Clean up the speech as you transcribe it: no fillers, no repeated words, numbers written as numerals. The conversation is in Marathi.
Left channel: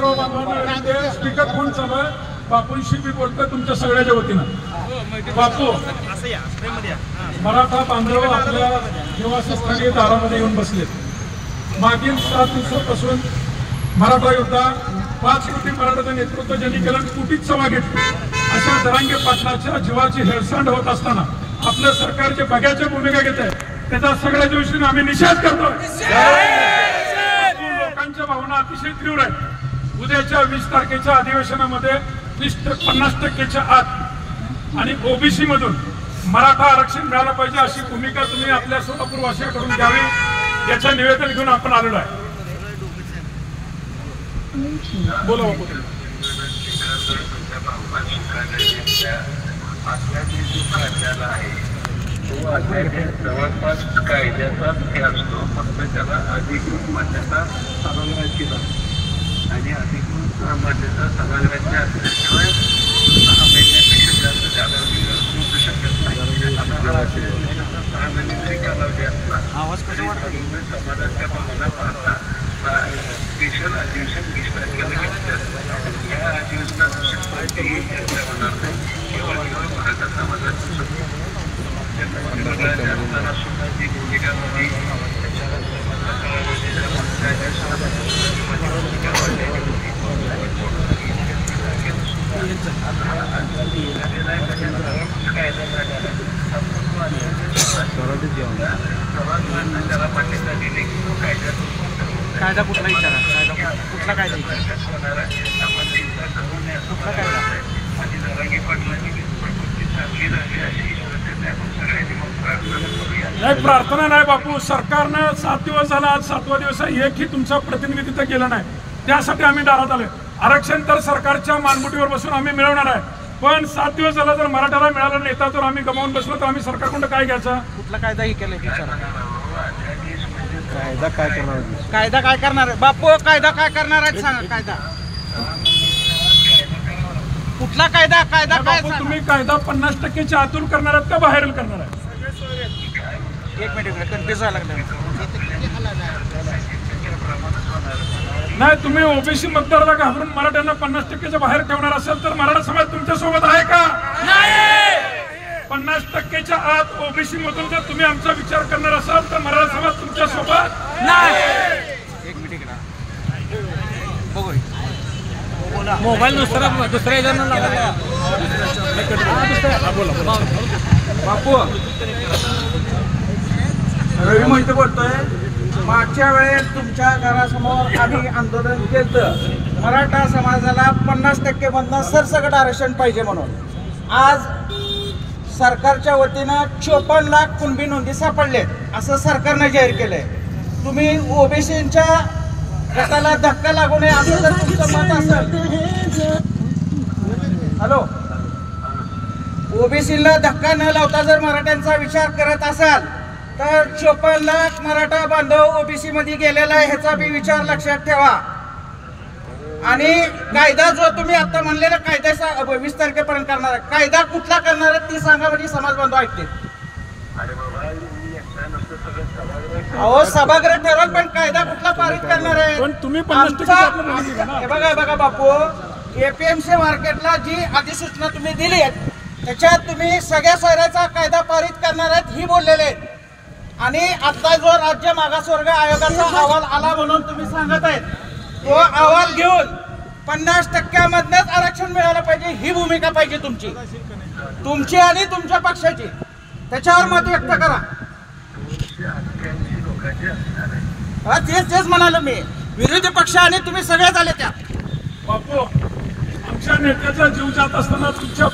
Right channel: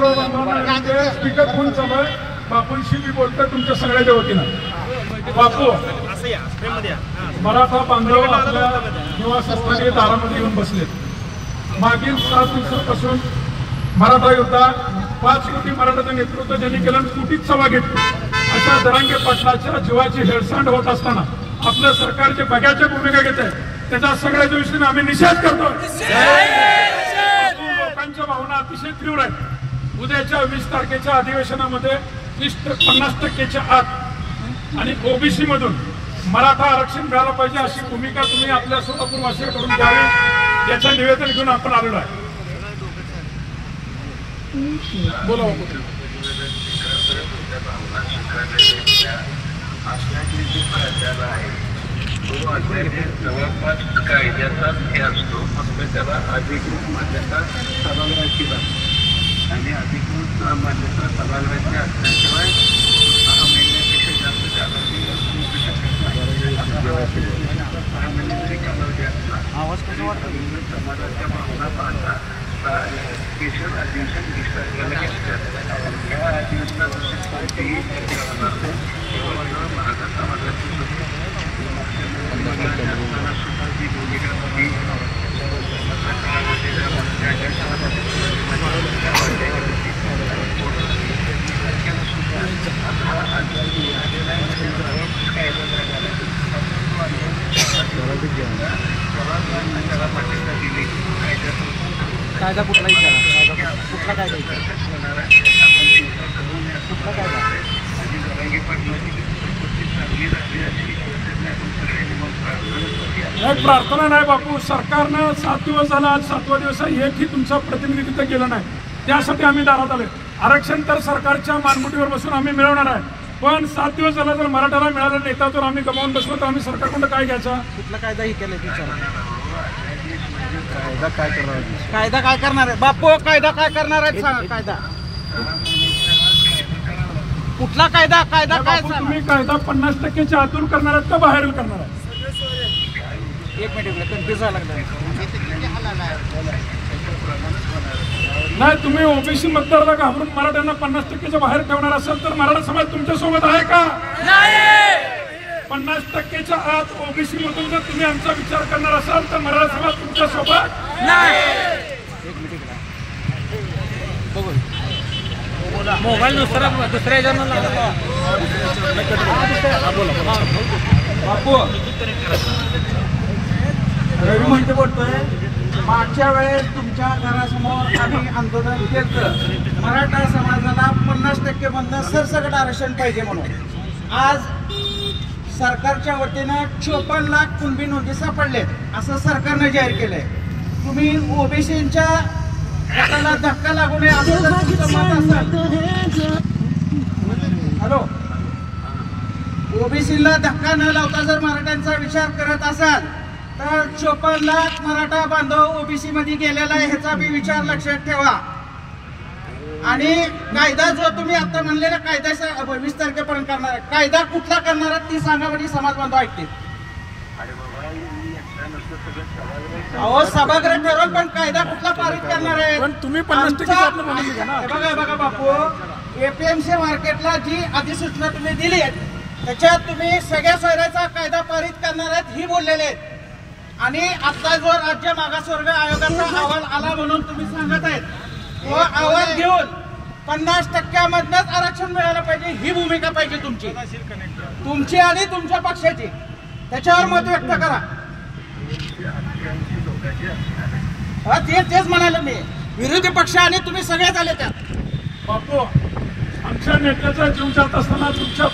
सर्व बांधवांना स्पीकर फोन चालू आहे. बापूंशी मी बोलतोय तुमच्या सगळ्याच्या वतीनं. बापू, मराठा बांधव आपल्या निवासस्थानी दारामध्ये येऊन बसले. मागील 7 दिवसापासून मराठा योद्धा 5 कोटी मराठाचं नेतृत्व ज्यांनी केलं, कुटीत सभा घेतली. अशा जरांगे पाटलाच्या जीवाची हेळसांड होत असताना आपलं सरकार जे बघ्याच्या भूमिका घेत आहे त्याचा सगळ्या दिवशी आम्ही निषेध करतोय. लोकांच्या भावना अतिशय तीव्र आहेत. उद्याच्या 20 तारखेच्या अधिवेशनामध्ये 50% आत आणि ओबीसी मधून मराठा आरक्षण मिळालं पाहिजे अशी भूमिका तुम्ही आपल्या सोलापूर वासियांकडून घ्यावी याचं निवेदन घेऊन आपण आलेलो आहे. बोला बापू. जवळपास कायद्याचा हे असतो, फक्त त्याला अधिकृत मान्यता सभागृहाची नाही आणि अधिकृत मान्यता सभागृहाची असल्याशिवाय 6 महिन्यापेक्षा जास्त कालावधी असू शकत नाही. 6 महिन्याची कालावधी असला समाजाच्या भावना पाहता स्पेशल अधिवेशन 20 तारखेला घेतलं. या अधिवेशनात कोणतीही चर्चा होणार नाही. केवळ मराठा समाजाची कायदा कुठला विचारा, कुठला कायदा कुठला कायदा नाही, प्रार्थना नाही बापू. सरकारनं 7 दिवस झाला, आज 7वा दिवस आहे. एकही तुमचं प्रतिनिधित्व केलं नाही. त्यासाठी आम्ही दारात आलोय. आरक्षण तर सरकारच्या मानगुटीवर बसून आम्ही मिळवणार आहे, पण 7 दिवस झाला जर मराठाला मिळालं नेता जर आम्ही गमावून बसलो तर आम्ही सरकारकडून काय घ्यायचा? कुठला कायदा ही केलं विचारा. कायदा काय करणार आहे बापू? कायदा काय करणार आहे सांगा. कायदा कुठला कायदा? कायदा काय? तुम्ही कायदा 50%च्या आतून करणार आहात का बाहेर करणार आहे? एक मिनिट, कन्फ्युज व्हायला लागलं. नाही, तुम्ही ओबीसी मतदाराला घाबरून मराठ्यांना 50%च्या बाहेर ठेवणार असाल तर मराठा समाज तुमच्या सोबत आहे का? 50%च्या आत ओबीसी मधून जर तुम्ही आमचा विचार करणार असाल तर मराठा समाज तुमच्या सोबत नाही. एक मिनिट बघू. मोबाईल दुसऱ्या बापू, रवी म्हणतो बोलतोय. मागच्या वेळेस तुमच्या घरासमोर आम्ही आंदोलन केलं, मराठा समाजाला 50% मधनं सरसकट आरक्षण पाहिजे म्हणून. आज सरकारच्या वतीनं 54 लाख कुणबी नोंदी सापडलेत असं सरकारनं जाहीर केलंय. तुम्ही ओबीसीच्या गटाला धक्का लागू नये असं जर तुमचं मत असेल, हॅलो, ओबीसीला धक्का न लावता जर मराठ्यांचा विचार करत असाल तर 54 लाख मराठा बांधव ओबीसी मध्ये गेलेला आहे ह्याचा बी विचार लक्षात ठेवा. आणि कायदा जो तुम्ही आता म्हणलेला कायदा 20 तारखेपर्यंत करणार आहे, कायदा कुठला करणार आहे ती सांगा म्हणजे समाज बांधव ऐकतील. अहो, सभागृह ठरवल पण कायदा कुठला पारित करणार आहे? तुम्ही बघा बापू, एपीएमसी मार्केटला जी अधिसूचना तुम्ही दिली त्याच्यात तुम्ही सगळ्या सोयऱ्याचा कायदा पारित करणार आहेत ही बोललेले आहेत. आणि आता जो राज्य मागासवर्ग आयोगाचा अहवाल आला म्हणून तुम्ही सांगत आहेत, तो अहवाल घेऊन 50% मधनच आरक्षण मिळालं पाहिजे ही भूमिका पाहिजे तुमची आणि तुमच्या पक्षाची. त्याच्यावर मत व्यक्त करा. तेच म्हणालो मी. विरोधी पक्ष आणि तुम्ही सगळ्यात आले त्या. बापू, आमच्या नेत्याचा जीव जात असताना तुमच्या